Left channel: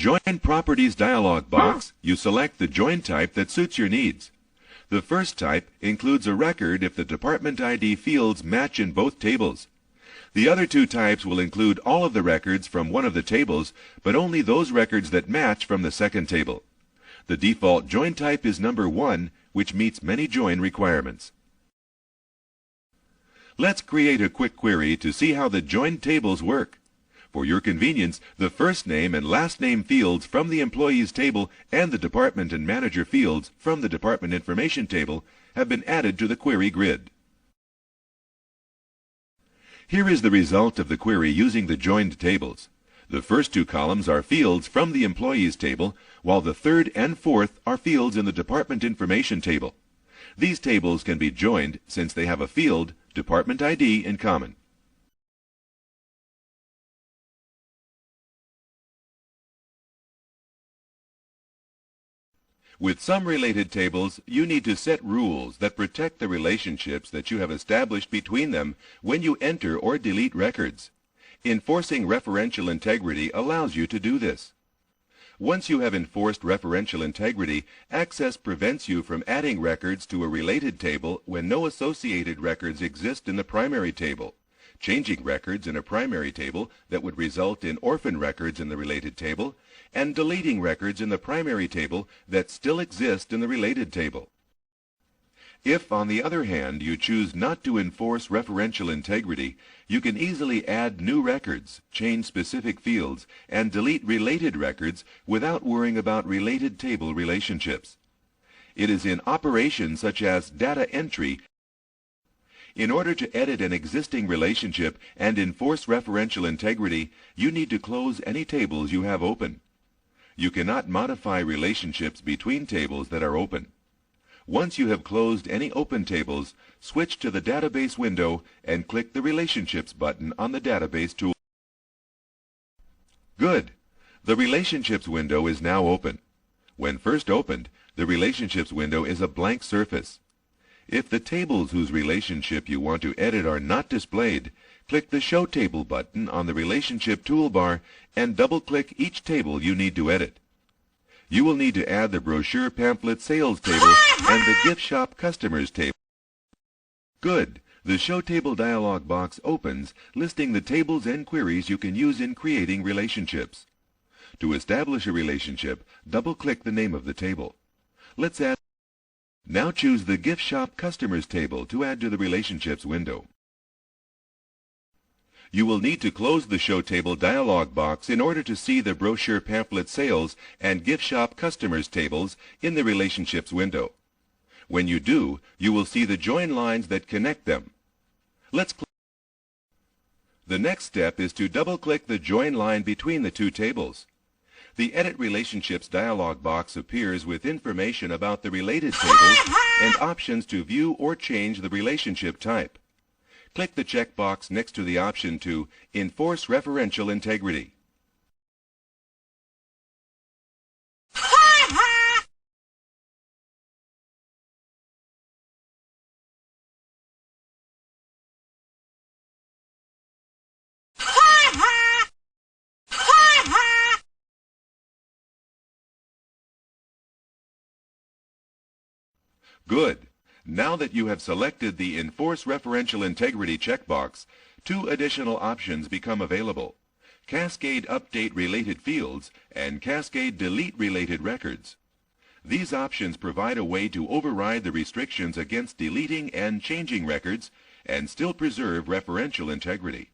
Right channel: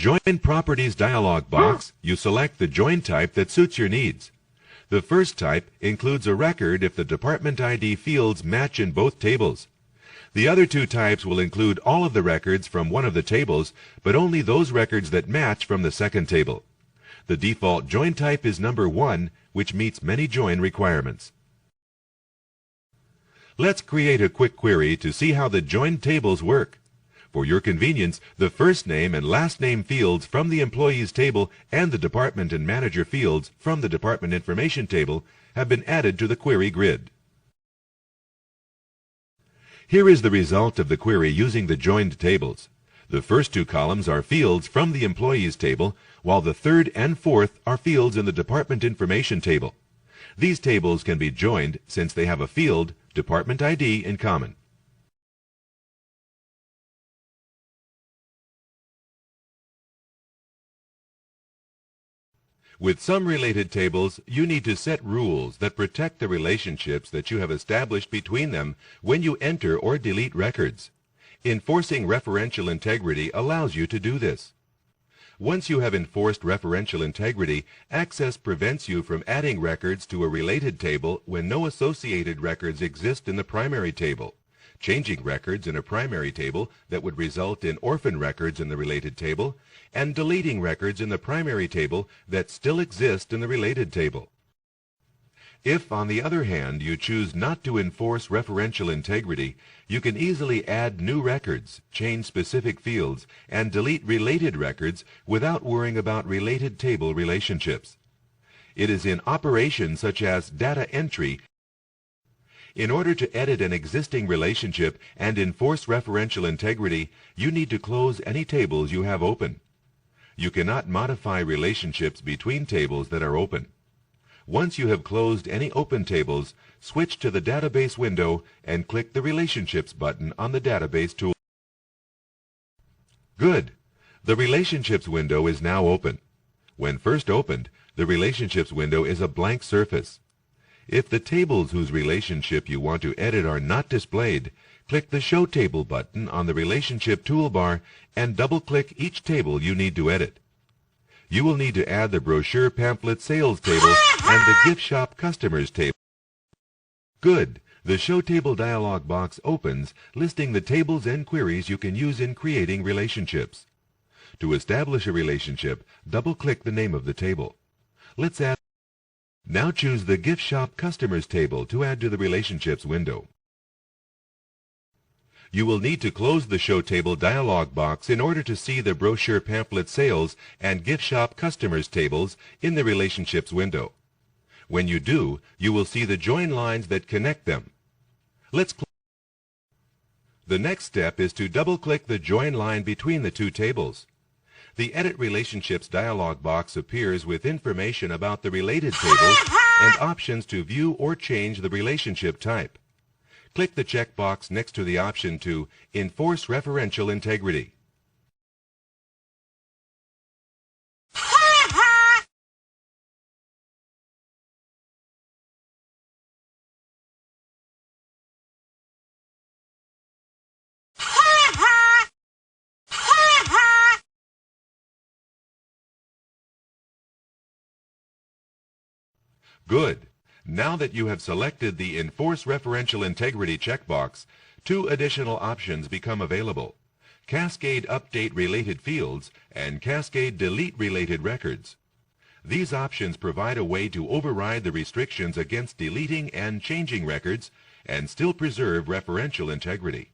Join Properties dialog box, you select the join type that suits your needs. The first type includes a record if the department ID fields match in both tables. The other two types will include all of the records from one of the tables, but only those records that match from the second table. The default join type is number 1, which meets many join requirements. Let's create a quick query to see how the joined tables work. For your convenience, the first name and last name fields from the employees table and the department and manager fields from the department information table have been added to the query grid. Here is the result of the query using the joined tables. The first two columns are fields from the employees table, while the third and fourth are fields in the department information table. These tables can be joined since they have a field, department ID, in common. With some related tables, you need to set rules that protect the relationships that you have established between them when you enter or delete records. Enforcing referential integrity allows you to do this. Once you have enforced referential integrity, Access prevents you from adding records to a related table when no associated records exist in the primary table, changing records in a primary table that would result in orphan records in the related table, and deleting records in the primary table that still exist in the related table. If, on the other hand, you choose not to enforce referential integrity, you can easily add new records, change specific fields, and delete related records without worrying about related table relationships. It is in operations such as data entry. In order to edit an existing relationship and enforce referential integrity, you need to close any tables you have open. You cannot modify relationships between tables that are open. Once you have closed any open tables, switch to the Database window and click the Relationships button on the Database tool. Good! The Relationships window is now open. When first opened, the Relationships window is a blank surface. If the tables whose relationship you want to edit are not displayed, click the Show Table button on the Relationship toolbar and double-click each table you need to edit. You will need to add the Brochure Pamphlet Sales table and the Gift Shop Customers table. Good! The Show Table dialog box opens, listing the tables and queries you can use in creating relationships. To establish a relationship, double-click the name of the table. Let's add. Now choose the Gift Shop Customers table to add to the Relationships window. You will need to close the Show Table dialog box in order to see the Brochure Pamphlet Sales and Gift Shop Customers tables in the Relationships window. When you do, you will see the join lines that connect them. The next step is to double-click the join line between the two tables. The Edit Relationships dialog box appears with information about the related tables and options to view or change the relationship type. Click the checkbox next to the option to Enforce Referential Integrity. Good! Now that you have selected the Enforce Referential Integrity checkbox, two additional options become available: Cascade Update Related Fields and Cascade Delete Related Records. These options provide a way to override the restrictions against deleting and changing records and still preserve referential integrity.